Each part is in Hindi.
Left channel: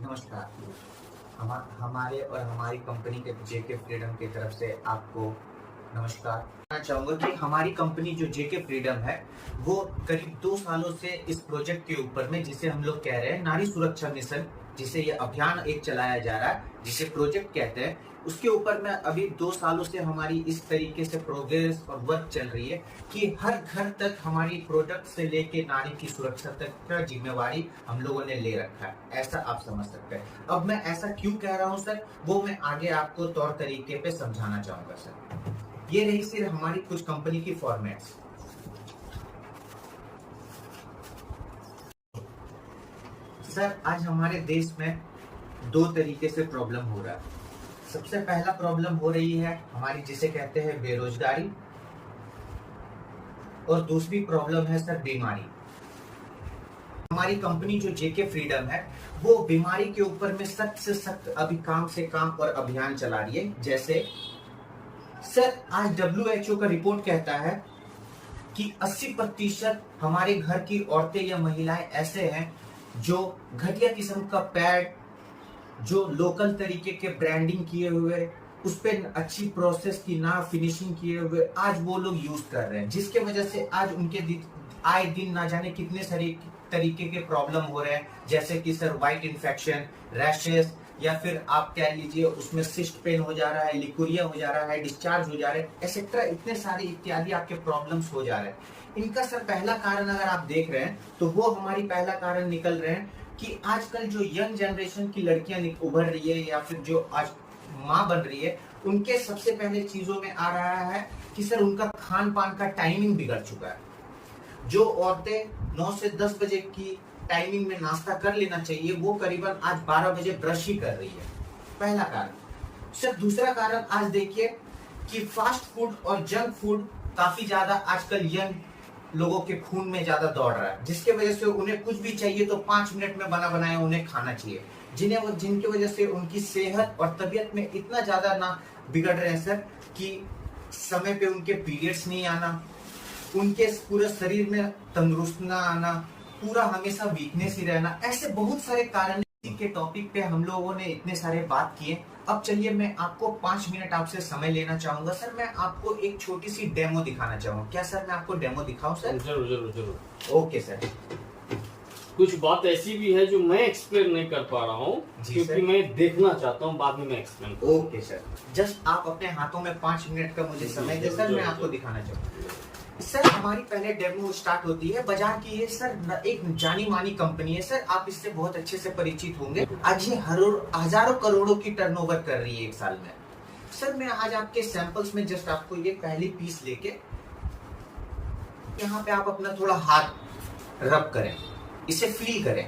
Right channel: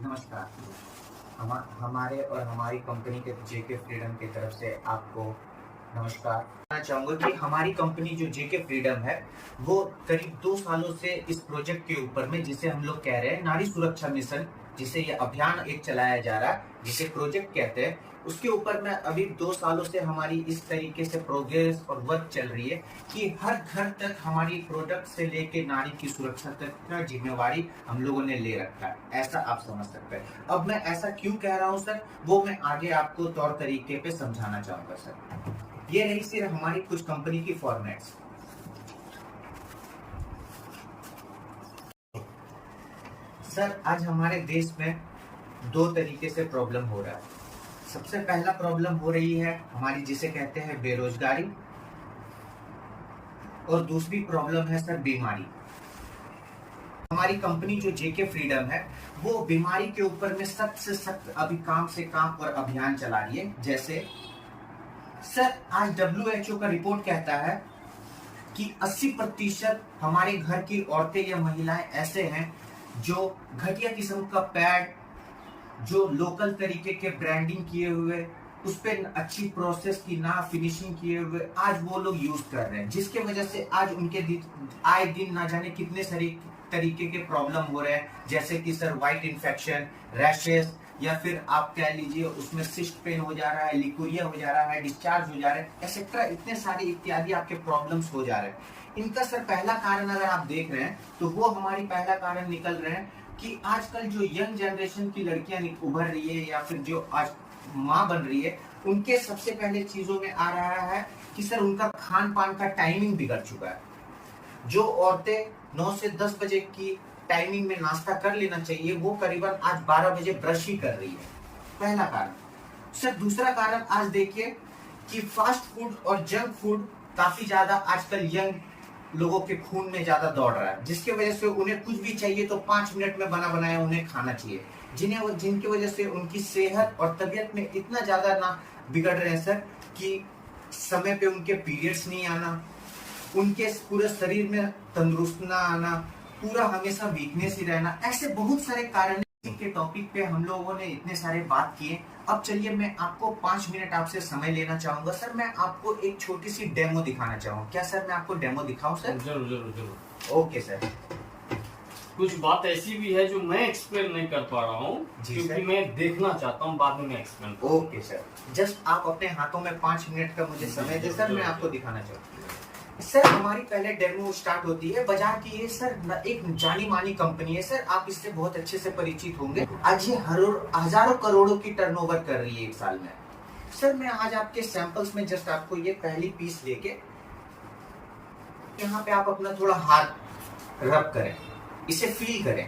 नमस्कार। हमारे और हमारी कंपनी के जेके फ्रीडम की तरफ से आपको नमस्कार। कहना चाहूंगा कि हमारी कंपनी जो जेके फ्रीडम है वो करीब 2 सालों से इस प्रोजेक्ट के ऊपर में, जिसे हम लोग कह रहे हैं नारी सुरक्षा मिशन, जिसे ये अभियान एक चलाया जा रहा है, जिसे प्रोजेक्ट कहते हैं, उसके ऊपर में अभी 2 सालों से हमारी इस तरीके से प्रोग्रेस और वर्क चल रही है कि हर घर तक हमारी प्रोडक्ट से लेके नारी की सुरक्षा तक का जिम्मेवारी हम लोगों ने ले रखा है, ऐसा आप समझ सकते हैं। अब मैं ऐसा क्यों कह रहा हूँ सर, वो मैं आगे आपको तौर तरीके पे समझाना चाहूंगा सर। ये रही सिर्फ हमारी कुछ कंपनी की फॉर्मेट्स। सर आज हमारे देश में 2 तरीके से प्रॉब्लम हो रहा है। सबसे पहला प्रॉब्लम हो रही है हमारी, जिसे कहते हैं बेरोजगारी, और दूसरी प्रॉब्लम है सर बीमारी। हमारी कंपनी जो जेके फ्रीडम है वो बीमारी के ऊपर में सख्त से सख्त अभी काम से काम और अभियान चला रही है। जैसे सर आज WHO का रिपोर्ट कहता है कि 80% हमारे घर की औरतें या महिलाएं ऐसे हैं जो घटिया किस्म का पैड, जो लोकल तरीके के ब्रांडिंग किए हुए, उस पे अच्छी प्रोसेस की ना फिनिशिंग किए हुए आज वो लोग यूज कर रहे हैं, जिसके वजह से आज उनके आए दिन ना जाने कितने सारे तरीके के प्रॉब्लम हो रहे हैं। जैसे कि सर व्हाइट इन्फेक्शन, रैशेस, या फिर आप कह लीजिए उसमें सिस्ट पेन हो जा रहा है, लिकुरिया हो जा रहा है, डिस्चार्ज हो जा रहा है, एक्सेट्रा, इतने सारे इत्यादि आपके प्रॉब्लम्स हो जा रहे हैं। इनका सर पहला कारण अगर आप देख रहे हैं तो वो हमारी पहला कारण निकल रहे हैं कि आजकल जो यंग जनरेशन की लड़कियां उभर रही है या फिर जो आज माँ बन रही है, उनके सबसे पहले चीजों में आ रहा है कि सर उनका खान पान का टाइमिंग बिगड़ चुका है। जो औरतें 9 से 10 बजे की टाइमिंग में नाश्ता कर लेना चाहिए, वो करीबन आज 12 बजे ब्रश ही कर रही है। पहला कारण। सर दूसरा कारण आज देखिए कि फास्ट फूड और जंक फूड काफी ज्यादा आजकल यंग लोगों के खून में ज्यादा दौड़ रहा है, जिसके वजह से उन्हें कुछ भी चाहिए तो 5 मिनट में बना बनाया उन्हें खाना चाहिए, जिनकी वजह से उनकी सेहत और तबीयत में इतना ज्यादा ना बिगड़ रहे हैं सर कि समय पे उनके पीरियड्स नहीं आना, उनके पूरे शरीर में तंदुरुस्त ना आना, पूरा हमेशा वीकनेस ही रहना, ऐसे बहुत सारे कारण के टॉपिक पे हम लोगों ने इतने सारे बात किए। अब चलिए मैं आपको 5 मिनट आपसे समय लेना चाहूंगा सर। मैं आपको एक छोटी सी डेमो दिखाना चाहूंगा। क्या सर मैं आपको डेमो दिखाऊं सर? जरूर जरूर जरूर। Okay sir. कुछ बात ऐसी भी है जो मैं एक्सप्लेन नहीं कर पा रहा हूँ क्योंकि मैं देखना चाहता हूँ, बाद में मैं एक्सप्लेन। ओके सर, जस्ट आप अपने हाथों में 5 मिनट का मुझे समय दे सर, मैं आपको दिखाना चाहूंगा। सर हमारी पहले डेमो स्टार्ट होती है बाजार की। ये सर एक जानी मानी कंपनी है सर, आप इससे बहुत अच्छे से परिचित होंगे। आज ये हजारों करोड़ों की टर्नओवर कर रही है एक साल में। सर मैं आज आपके सैंपल्स में जस्ट आपको ये पहली पीस लेके यहाँ पे आप अपना थोड़ा हाथ रब करें, इसे फील करें।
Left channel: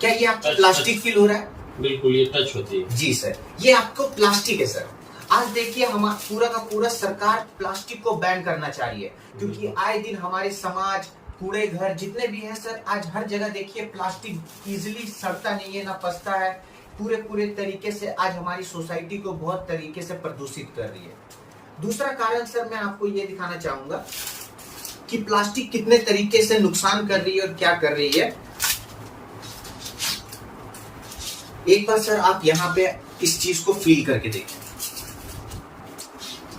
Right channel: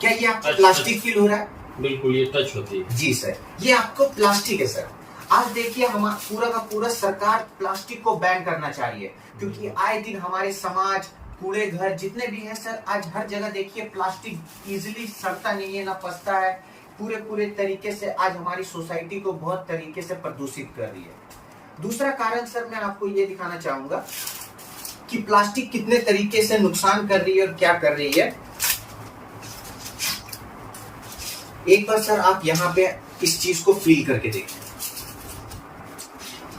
क्या ये आपको प्लास्टिक फील हो रहा है? बिल्कुल, ये टच होती है। जी सर, ये आपको प्लास्टिक है सर। आज देखिए हम पूरा का पूरा सरकार प्लास्टिक को बैन करना चाह रही है, क्योंकि आए दिन हमारे समाज, कूड़े घर जितने भी हैं सर, आज हर जगह देखिए प्लास्टिक इजिली सड़ता नहीं है, ना पचता है, पूरे तरीके से आज हमारी सोसाइटी को बहुत तरीके से प्रदूषित कर रही है। दूसरा कारण सर मैं आपको ये दिखाना चाहूंगा कि प्लास्टिक कितने तरीके से नुकसान कर रही है और क्या कर रही है। एक बार सर आप यहाँ पे इस चीज को फील करके देखें,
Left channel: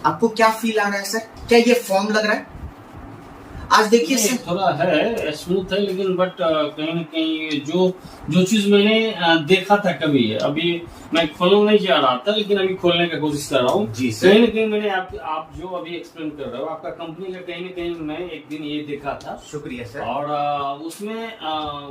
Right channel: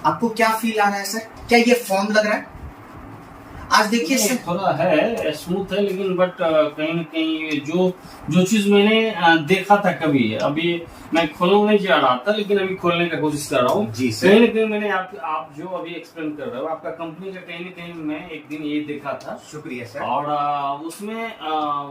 आपको क्या फील आ रहा है सर? क्या ये फोम लग रहा है? आज देखिए सर थोड़ा है, स्मूथ है, लेकिन बट कहीं न कहीं जो चीज मैंने देखा था कभी, अभी मैं खोलना नहीं चाह रहा था लेकिन अभी खोलने का कोशिश कर रहा हूँ। कहीं न कहीं मैंने आप जो अभी एक्सप्लेन कर रहे हो आपका कंपनी का, कहीं न कहीं मैं एक दिन ये देखा था। शुक्रिया सर। और उसमें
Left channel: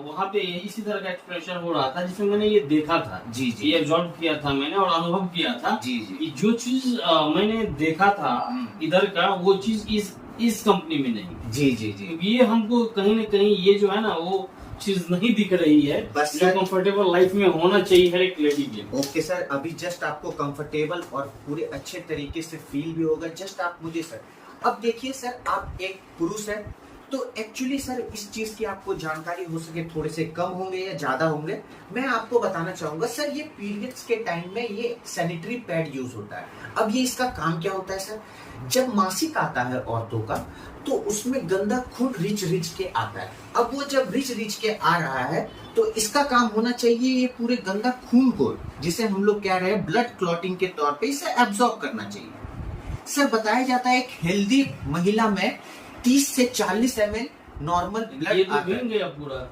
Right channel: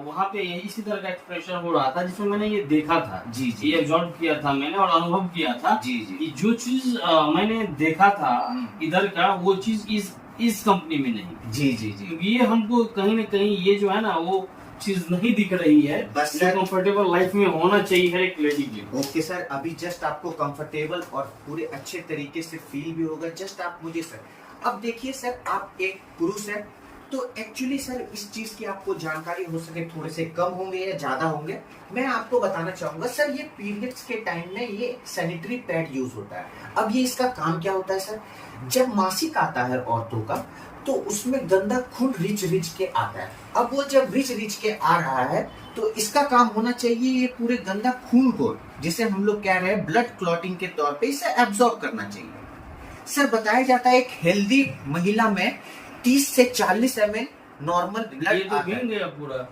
वहाँ पे इसी तरह का एक्सप्रेशन हो रहा था जिसमें मैंने ये देखा था। जी जी, ये ऑब्जर्व किया था मैंने और अनुभव किया था। जी जी, कि जो चीज मैंने देखा था इधर का, वो चीज इस कंपनी में नहीं। जी जी जी, ये हमको कहीं न कहीं ये जो है ना वो चीज नहीं दिख रही है, बस जो कंफर्टेबल लाइफ में होना चाहिए हर एक लेडी के। ओके सर, अभी जस्ट आपको कंफर्टेबल और पूरे अच्छे तरीके से फील भी होगा। जस्ट आप मुझे सर, अब देखिए सर आप एक पुरुष है तो एक्चुअली सर इस चीज की आपको जानकारी हो सके थोड़े से कम होंगे या ज्यादा होंगे, मैं आपको बताना चाहूंगा सर। ये पीरियड्स के टाइम में ये सैनिटरी पैड यूज होता है। अब ये इसका काम क्या होता है सर? जब मासिक आता है औरतों का तो उसमें गंदा खून रिच के आता है। अब वो जब रिच के आ रहा है तो इसका काम होना चाहिए ये पूरे गंदा खून को, जिसे हम लोग कह रहे हैं ब्लड क्लॉटिंग के तौर पे, इसे एब्जॉर्ब करना चाहिए। सर बताया जाता है एक हेल्दी महिला में 30 से 40 ml नॉर्मल ब्लड आता है। पूरा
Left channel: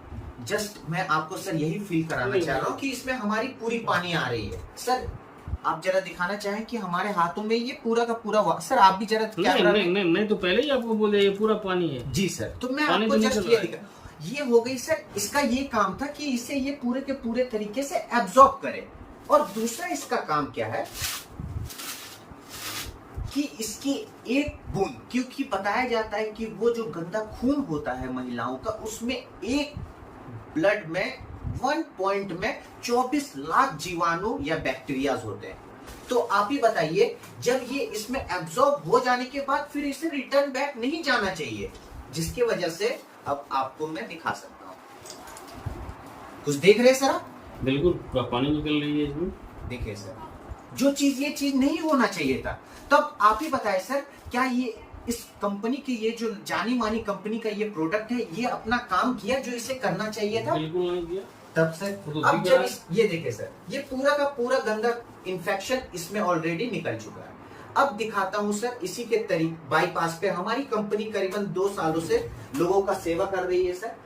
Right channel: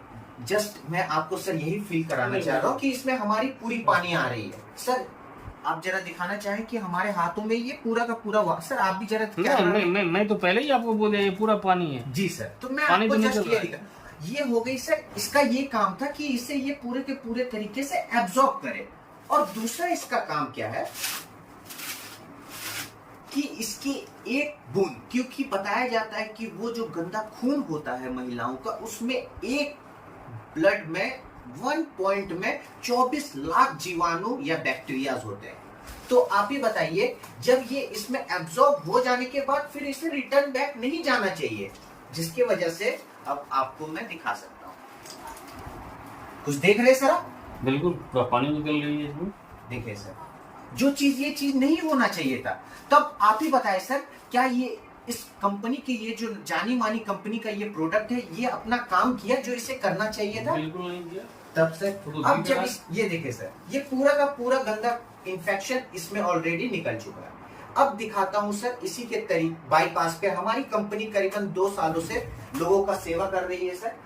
जस्ट मैं आपको सर यही फील कराना चाह रहा हूँ कि इसमें हमारी पूरी पानी आ रही है। सर आप जरा दिखाना चाहें कि हमारे हाथों में ये पूरा का पूरा सर आप भी जरा मैं तो पहले ही आपको बोले ये पूरा पानी है जी सर। तो मैं पानी आपको तो जस्ट निकल रहा है। ये हो गई सर, इसका ये काम था कि इसे ये पूरे के पूरे तरीके से एब्जॉर्ब करे। और दूसरा इसका काम क्या है कि इसकी एक बूंद, क्योंकि बताया जाता है कि वो जो गंदा खून होता है महिलाओं का, उसमें एक ब्लड में 1 पॉइंट में 24 लाख जीवाणु या बैक्टीरियाज होते हैं। तो आप ही बताइए, जब ये इसमें एब्जॉर्ब हो जाने के बाद फिर इसे रिटर्न बैक नहीं जाना चाहिए, जिसकी वजह से अब आपको मैं दिखा सकता हूं। कुछ देख रहे सर आप? बिल्कुल पूरा पानी निकल रही है इसमें। देखिए सर, जो चीज ये चीज नहीं होना चाहिए था। तब आप ही बताएं सर, क्या ये इस कंपनी की, ये जो जानी मानी कंपनी का ये प्रोडक्ट है, ये अपना काम किया जो इसे करना चाहिए था? बिल्कुल नहीं किया। तब सर अब जब ये देखे सर, ये पूरा का पूरा गंदा इंफेक्शन इसमें ऑलरेडी निकल चुका है। अब दिखाता हूं सर इसी के तरीके बाईपास पे हमारी कंपनी करीबन 2 सालों से लोगों का सेवा कर रही है सर।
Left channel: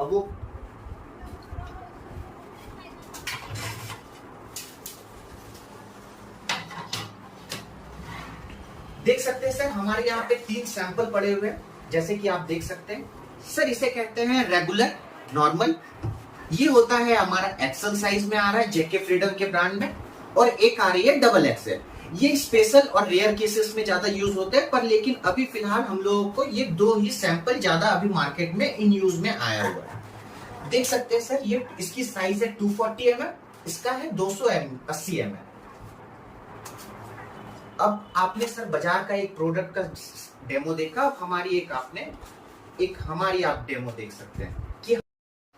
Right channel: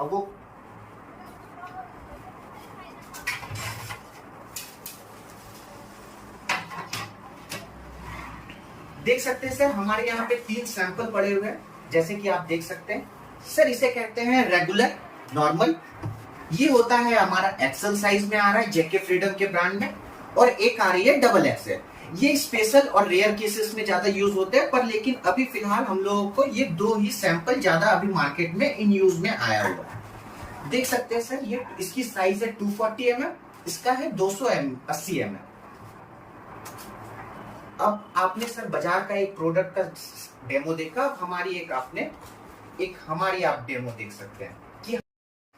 अब वो देख सकते हैं सर, हमारे यहाँ पे 3 सैंपल पड़े हुए हैं, जैसे कि आप देख सकते हैं सर। इसे कहते हैं रेगुलर, नॉर्मल, ये होता है हमारा एक्सेल साइज में आ रहा है जेके फ्रीडम के ब्रांड में, और एक आ रही है डबल एक्सेल। ये स्पेशल और रेयर केसेस में ज्यादा यूज होते हैं, पर लेकिन अभी फिलहाल हम लोगों को ये 2 ही सैंपल ज्यादा अभी मार्केट में इन यूज में आया हुआ है। देख सकते हैं सर, ये इसकी साइज है 240 ml, इसका है 280 ml। अब आपने सर बाजार का एक प्रोडक्ट का डेमो देखा, अब हमारी हमारी आप डेमो देख सकते हैं कि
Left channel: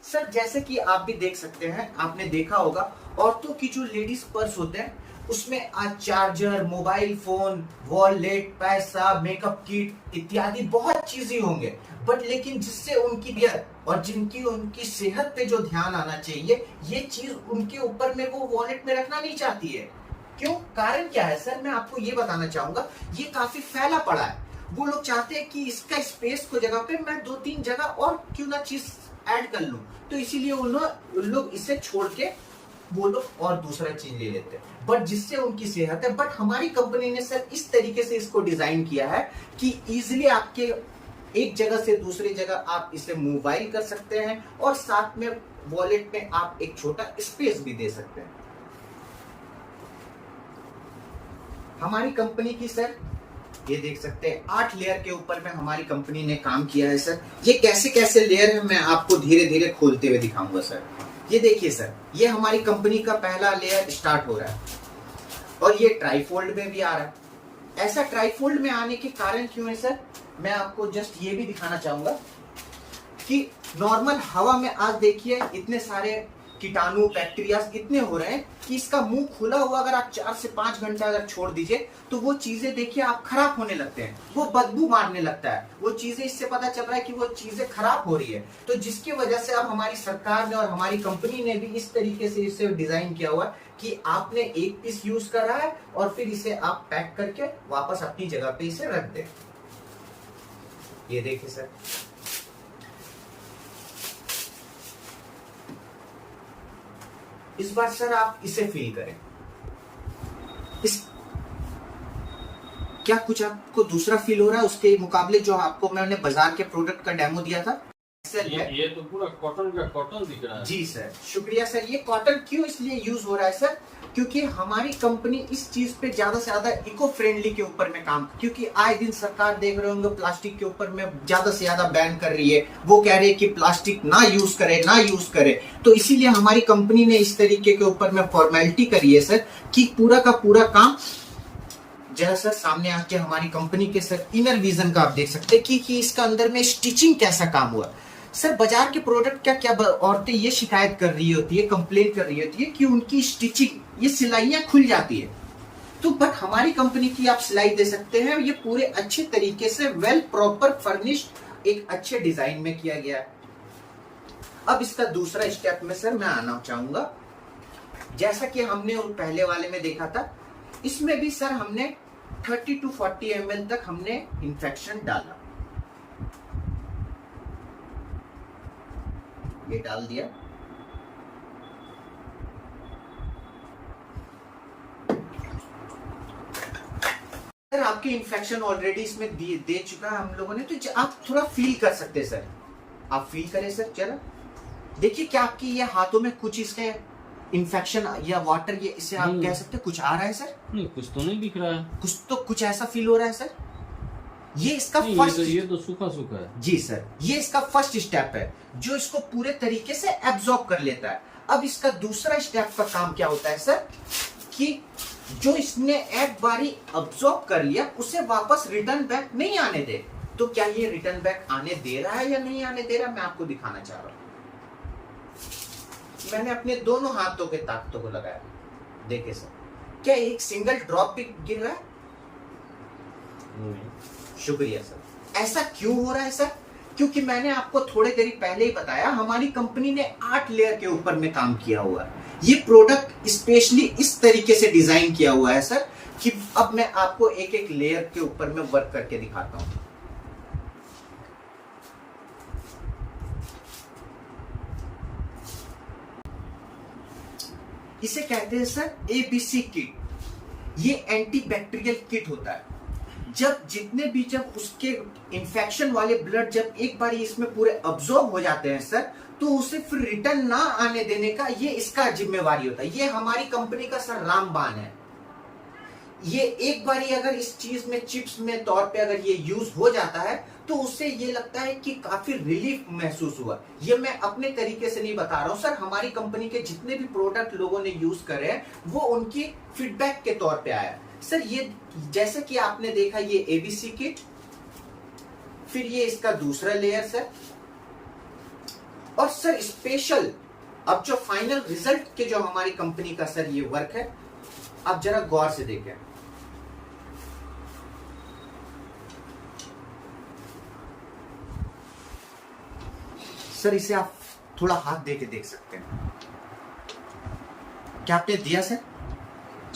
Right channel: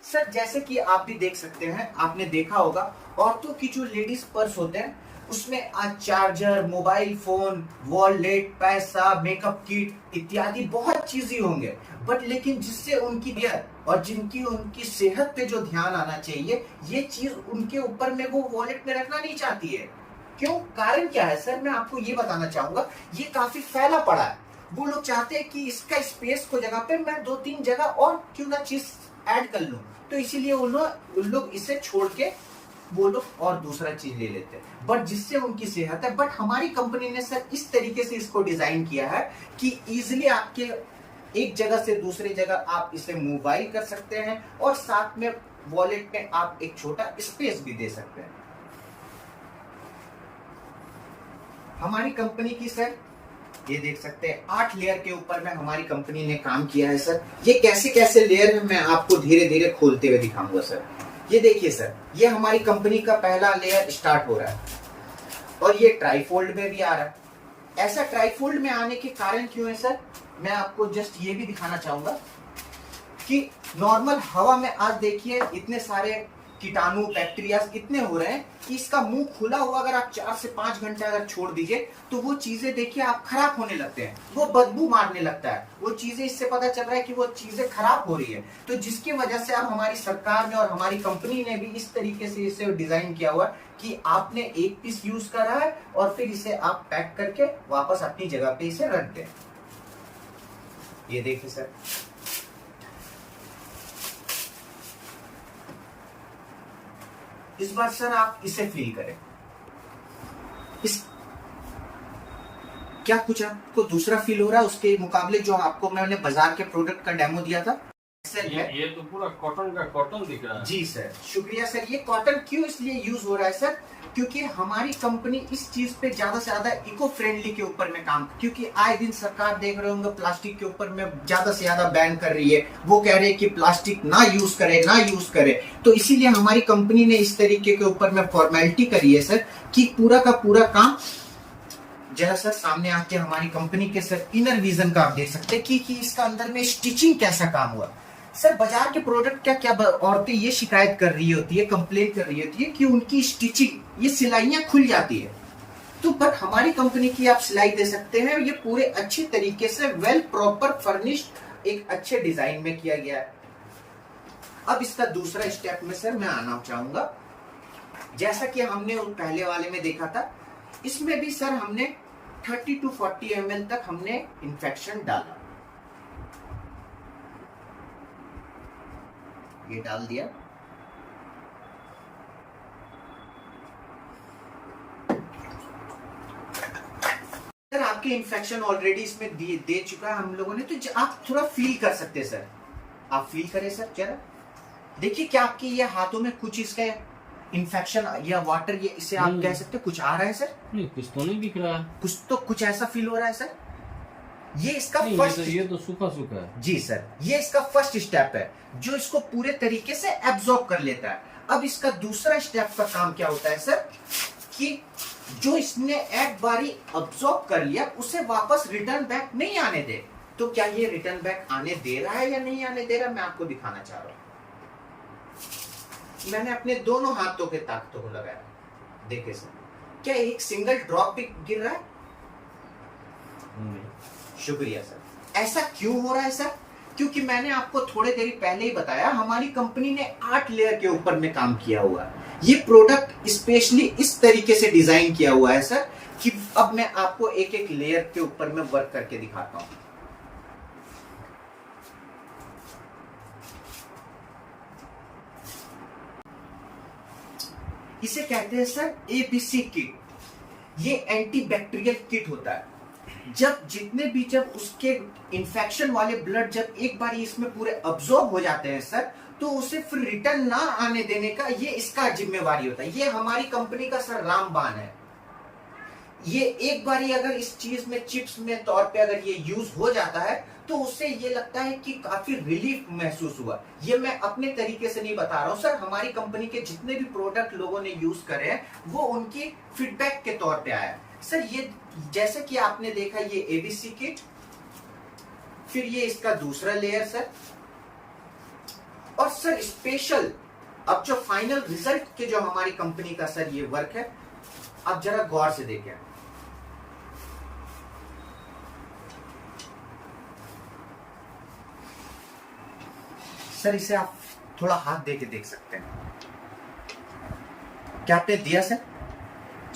सर जैसे कि आप भी देख सकते हैं, आपने देखा होगा औरतों की जो लेडीज पर्स होते हैं उसमें आज चार्जर, मोबाइल फोन, वॉलेट, पैसा, मेकअप किट इत्यादि बहुत चीजें होंगे, बट लेकिन जिससे उनकी और जिनकी उनकी सेहत पे जो ध्यान आना चाहिए, ये चीज उनके ऊपर में वो वॉलेट में रखना नहीं चाहती है। क्यों? कारण क्या है सर, मैं आपको ये बताना चाहूंगा। ये काफी फैला पड़ा है, वो लोग चाहते हैं कि इसका स्पेस को जगह पे मैं 2-3 जगह और क्यों ना चीज ऐड कर लूं, तो इसीलिए उन लोग इसे छोड़ के वो लोग और दूसरा चीज ले लेते हैं, बट जिससे उनकी सेहत है। बट हमारी कंपनी ने सर इस तरीके से इसको डिजाइन किया है कि इजिली आपके एक जगह से दूसरी जगह आप इसे मोबाइल कर सकते हैं, और साथ में वॉलेट में आप एक छोटा स्पेस भी दे सकते हैं। हमारी कंपनी की सर ये देख सकते हैं 8 लेयर के ऊपर में हमारी कंपनी ने काम किया है सर। ये कैसे कैसे लेयर है मैं आपको धीरे धीरे खोलते हुए दिखाऊंगा सर। ये देखिए सर, ये हमारी कंपनी का पहला लेयर स्टार्ट हो रहा है, और ये ट्राईफोल्ड में भी आ रहा है। ऐसा ट्राईफोल्ड में आने के कारण क्यों है सर, मैं आपको जस्ट ये भी दिखाना चाहूंगा कि नॉर्मल हवा में आज देखिए इतने सारे कीटाणु, बैक्टीरिया इतने हो रहे हैं कि इसका मुंह खुला हुआ अगर आप 4 से 5 घंटे अगर छोड़ दीजिए तो वो चीजें देखिए आप खराब होने लगते हैं, वो बदबू मारने लगता है, वो चीजें, इससे पता चल रहा है कि वो चीजें खराब हो रही है। तो जिसकी वजह से अब हमारी सरकार ने और हमारी कंपनी ने भी इस तरीके से इसे डिजाइन किया हुआ कि आपने एक पीस यूज करा है और फिर इसे आप पैक करके वापस अपनी जगह पे इसे रख दें। ये देखिए सर, इस बार सर आप इसे फील करें। क्या कुछ आपको दूसरा फील हो रहा है उसके मुकाबले जो आपको मैंने बाजार के प्रोडक्ट का डेमो दिया था? ये तो पूरा कॉटन का कॉटन दिख रहा है। जी सर, शुक्रिया सर। ये कॉटन क्यों इसलिए यूज हो रहा है सर, क्योंकि हमारी कंपनी इस चीज पे ज्यादा से ज्यादा इको फ्रेंडली के ऊपर में काम, क्योंकि आए दिन सरकार देख रहे होंगे प्लास्टिक के ऊपर में ज्यादा से ज्यादा बैन कर रही है, वो कह रहे हैं कि प्लास्टिक ना यूज करे। तो इसीलिए हमारी कंपनी ने इस तरीके के ऊपर में फॉर्मेलिटी करी है सर कि पूरा का पूरा काम। जरा सर सामने आके हमारी कंपनी के सर इनर विजन का आप देख सकते हैं कि इसका अंदर में स्टिचिंग कैसा काम हुआ। सर बाजार के प्रोडक्ट क्या औरतें ये शिकायत कर रही होती है, कंप्लेन कर रही होती है कि उनकी स्टिचिंग, ये सिलाइयां खुल जाती है, तो बट हमारी कंपनी की आप सिलाई दे सकते हैं। ये पूरे अच्छे तरीके से वेल प्रॉपर फर्निश्ड एक अच्छे डिजाइन में किया गया है। अब इसका दूसरा स्टेप में सर मैं आना चाहूंगा। जैसा कि हमने पहले वाले में देखा था, इसमें भी सर हमने 30 to 40 ml तक हमने इन्फेक्शन डाला। ये डाल दिया। सर आपके इन्फेक्शन ऑलरेडी इसमें दे चुका है हम लोगों ने, तो आप थोड़ा फील कर सकते हैं सर। आप फील करें सर जरा, देखिए क्या आपके ये हाथों में कुछ इसका इन्फेक्शन या वाटर, ये इसे आप कह सकते हैं कुछ आ रहा है सर? नहीं, कुछ तो नहीं दिख रहा है। कुछ ऐसा फील हो रहा है सर? ये इसका फर्स्ट, ये तो सूखा सूखा है जी सर। ये इसका फर्स्ट स्टेप है जो इसको पूरे तरीके से एब्जॉर्ब कर लेता है। अब इसका दूसरा स्टेप का काम क्या होता है सर, कि जो इसने एक बारी अब्सॉर्ब कर लिया उसे वापस रिटर्न बैक नहीं आने दे। तो क्या ये रिटर्न बैक आने दे रहा है या नहीं आने दे रहा, मैं आपको दिखाना चाह रहा हूं। मैंने अपने दोनों हाथों के ताकतों को लगाया, देखे सर, क्या एक सिंगल ड्रॉप भी गिर रहा है? शुक्रिया सर। ऐसा क्यों हो रहा है सर? क्योंकि मैंने आपको थोड़े देरी पहले ही बताया, हमारी कंपनी ने 8 लेयर के ऊपर में काम किया हुआ है। ये प्रोडक्ट स्पेशली इस तरीके से डिजाइन किया हुआ है सर, कि अब मैं आपको एक एक लेयर के ऊपर में वर्क करके दिखाता हूं। इसे कहते हैं सर एबीसी किट। ये एंटी बैक्टीरियल किट होता है। जब उसके इन्फेक्शन वाले ब्लड जब एक बार इसमें पूरे अब्सॉर्ब हो जाते हैं सर, तो उसे फिर रिटर्न ना आने देने का ये इसका जिम्मेवारी होता है। ये हमारी कंपनी का सर रामबाण है। ये एक बार अगर इस चीज में चिप्स में तौर पे अगर ये यूज हो जाता है, तो उससे ये लगता है कि काफी रिलीफ महसूस हुआ। ये मैं अपने तरीके से नहीं बता रहा हूं सर, हमारी कंपनी के जितने भी प्रोडक्ट लोगों ने यूज करे हैं वो उनकी फीडबैक के तौर पे आया सर। ये जैसे कि आपने देखा, ये एबीसी किट, फिर ये इसका दूसरा लेयर सर, और सर स्पेशल अब जो फाइनल रिजल्ट के जो हमारी कंपनी का सर ये वर्क है, आप जरा गौर से देखें। सर इसे आप थोड़ा हाथ दे के देख सकते हैं। क्या आपने दिया सर?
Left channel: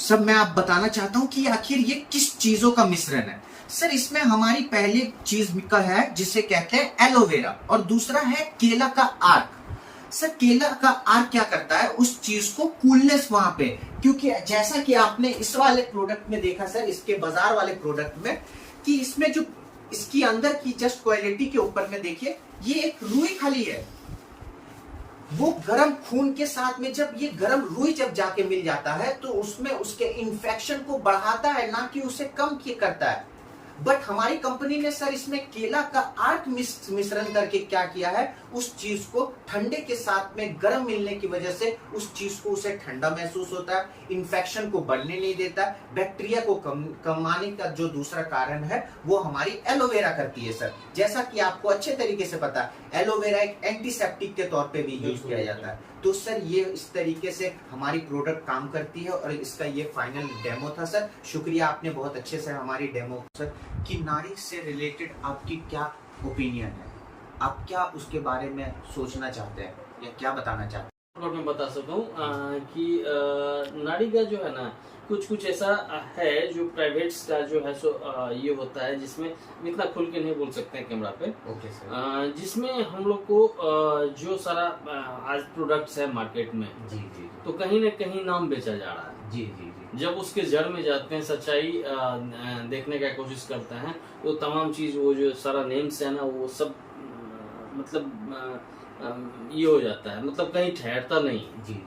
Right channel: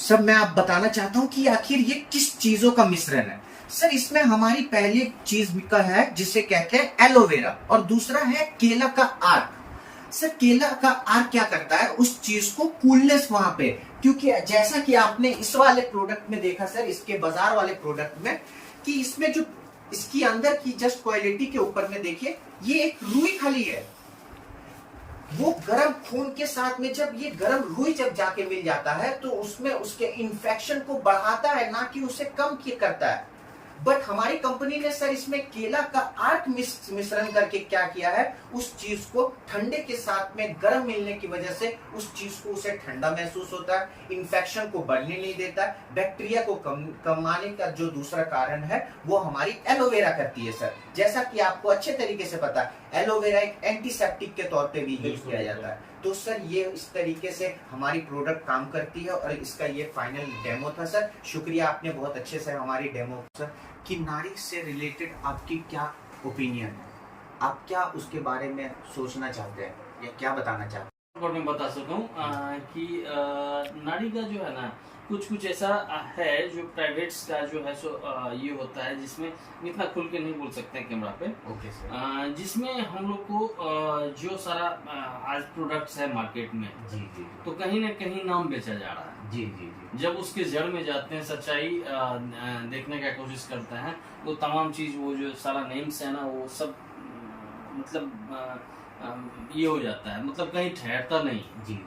सब मैं आप बताना चाहता हूं कि आखिर ये किस चीजों का मिश्रण है सर। इसमें हमारी पहली चीज का है जिसे कहते हैं एलोवेरा, और दूसरा है केला का आर्क। सर केला का आर्क क्या करता है, उस चीज को कूलनेस वहां पे, क्योंकि जैसा कि आपने इस वाले प्रोडक्ट में देखा सर, इसके बाजार वाले प्रोडक्ट में, कि इसमें जो इसकी अंदर की जस्ट क्वालिटी के ऊपर में देखिए, ये एक रुई खली है। वो गर्म खून के साथ में जब ये गर्म रुई जब जाके मिल जाता है, तो उसमें उसके इन्फेक्शन को बढ़ाता है, ना कि उसे कम करता है। बट हमारी कंपनी ने सर इसमें केला का आर्क मिश्रण करके क्या किया है, उस चीज को ठंडे के साथ में गर्म मिलने की वजह से उस चीज को उसे ठंडा महसूस होता है, इन्फेक्शन को बढ़ने नहीं देता, बैक्टीरिया को कमाने का जो दूसरा कारण है वो हमारी एलोवेरा करती है सर। जैसा कि आपको अच्छे तरीके से पता है, एलोवेरा एक एंटीसेप्टिक के तौर पे भी यूज किया जाता है। तो सर ये इस तरीके से हमारी प्रोडक्ट काम करती है, और इसका ये फाइनल डेमो था सर। शुक्रिया, आपने बहुत अच्छे से हमारी डेमो सर। कि नारी से रिलेटेड आपकी क्या ओपिनियन है, आप क्या उसके बारे में सोचना चाहते हैं या क्या बताना चाहते हैं? और मैं बता सकूं कि नाड़ी का जो है ना, कुछ ऐसा है जो प्राइवेट का जो है सो ये होता है, जिसमें इतना खुल के नहीं बोल सकते हैं कैमरा पे। Okay sir. जिसमें हम लोग को जो सारा आज प्रोडक्ट्स है मार्केट में, जी, तो कहीं न कहीं नाम बेचा जा रहा है। जी। जब उसके जड़ में जाते हैं, सच्चाई देखने का कोशिश करते हैं, वो तमाम चीज, वो जो सारा नेम्स है ना, वो सब मतलब ये हो जाता है, मतलब कहीं ठहरता नहीं। जी।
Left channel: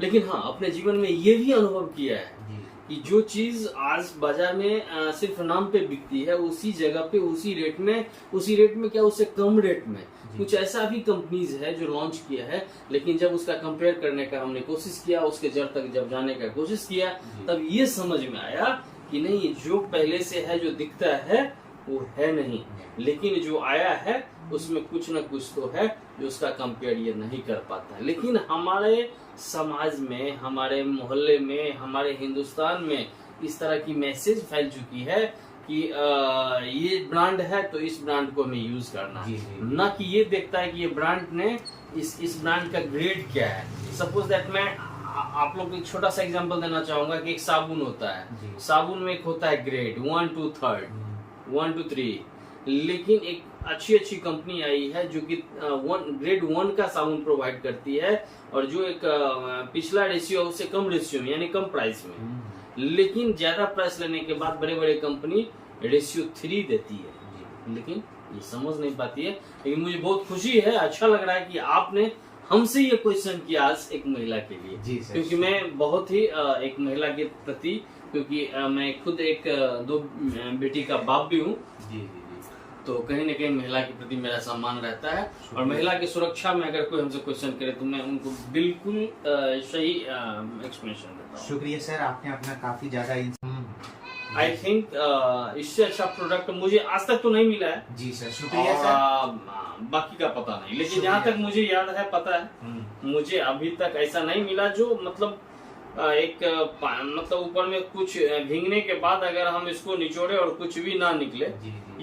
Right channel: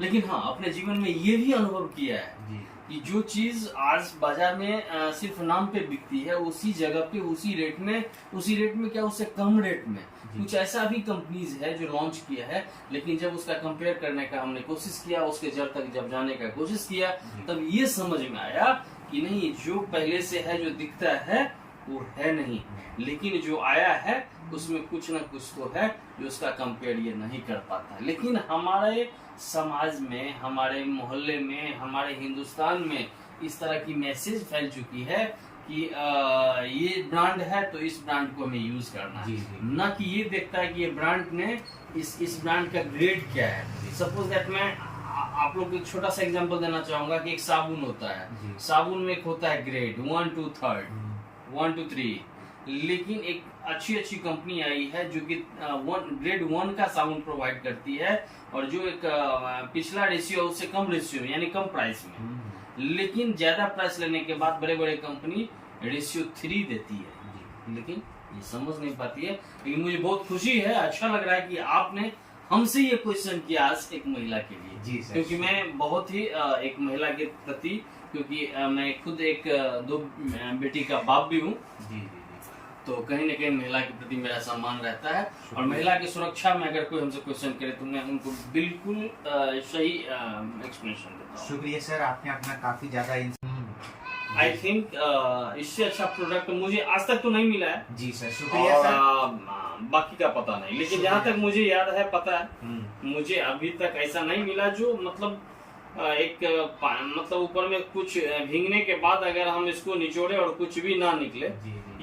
लेकिन हाँ, अपने जीवन में ये भी अनुभव किया है जी। कि जो चीज आज बाजार में सिर्फ नाम पे बिकती है, उसी जगह पे उसी रेट में क्या, उससे कम रेट में कुछ ऐसा भी कंपनीज है जो लॉन्च किया है। लेकिन जब उसका कंपेयर करने का हमने कोशिश किया, उसके जड़ तक जब जाने का कोशिश किया, तब ये समझ में आया कि नहीं, जो पहले से है जो दिखता है वो है नहीं, लेकिन जो आया है उसमें कुछ न कुछ तो है जो उसका कंपेयर ये नहीं कर पाता है। लेकिन हमारे समाज में, हमारे मोहल्ले में, हमारे हिंदुस्तान में इस तरह की मैसेज फैल चुकी है कि ये ब्रांड है तो इस ब्रांड को हमें यूज करना है, ना कि ये देखता है कि ये ब्रांड ने इस ब्रांड का ग्रेड क्या है। सपोज दैट मैं आप लोग को एक छोटा सा एग्जांपल देना चाहूंगा कि एक साबुन होता है, साबुन में एक होता है ग्रेड 1 to 3, 1 to 3, लेकिन एक अच्छी कंपनी आई है जो कि ग्रेड 1 का साबुन प्रोवाइड करती है, और जो एक पिछला रेशियो उससे कम रेशियो में, यानी कम प्राइस में, लेकिन ज्यादा प्राइस लेने के बाद बड़े कंपनी रेशियो 3 देती है, लेकिन ये समझ नहीं पाती है। लेकिन मुझे बहुत खुशी है, अच्छा लग रहा है कि आपने हमसे ये क्वेश्चन किया आज एक महिला के लिए, क्योंकि मैं बहुत ही एक महिला के प्रति, क्योंकि मैं खुद एक 2 बेटी का बाप भी हूँ, तो कहीं न कहीं महिला के प्रति मेरा सम्मान रहता है। और महिला की सुरक्षा में अगर कोई हमसे क्वेश्चन करे तो मैं उनको बिल्कुल सही एक्सप्लेनेशन देता हूँ। शुक्रिया सर, आपने अपना काफी ज्यादा आई थिंक इससे अच्छा प्रोडक्ट मुझे आज तक तो नहीं मिला है। जी सर, शुक्रिया सर। बाकी का पता नहीं, लेकिन जहाँ तक मुझे याद है, पता है, मुझे अभी तक ऐसा नहीं मिला जो मतलब मतलब ऊपर में कुछ भींगने के बाद अगर हम इसको निचोड़े और कुछ भी ना निकले,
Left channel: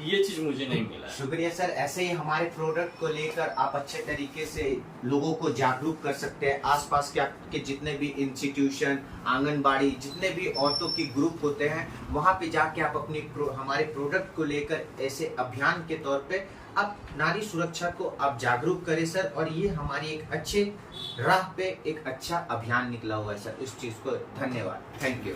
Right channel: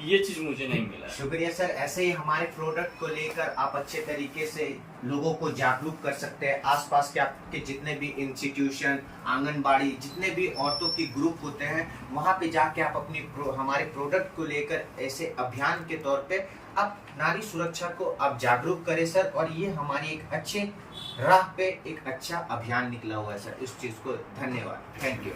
ये चीज मुझे नहीं मिला। शुक्रिया सर। ऐसे ही हमारे प्रोडक्ट को लेकर आप अच्छे तरीके से लोगों को जागरूक कर सकते हैं। आसपास के आपके जितने भी इंस्टीट्यूशन, आंगनबाड़ी, जितने भी औरतों की ग्रुप होते हैं, वहां पे जाके आप अपनी हमारे प्रोडक्ट को लेकर ऐसे अभियान के तौर पे आप नारी सुरक्षा को आप जागरूक करें सर। और ये हमारी एक अच्छे राह पे एक अच्छा अभियान निकला हुआ है सर। इस चीज को धन्यवाद, थैंक यू।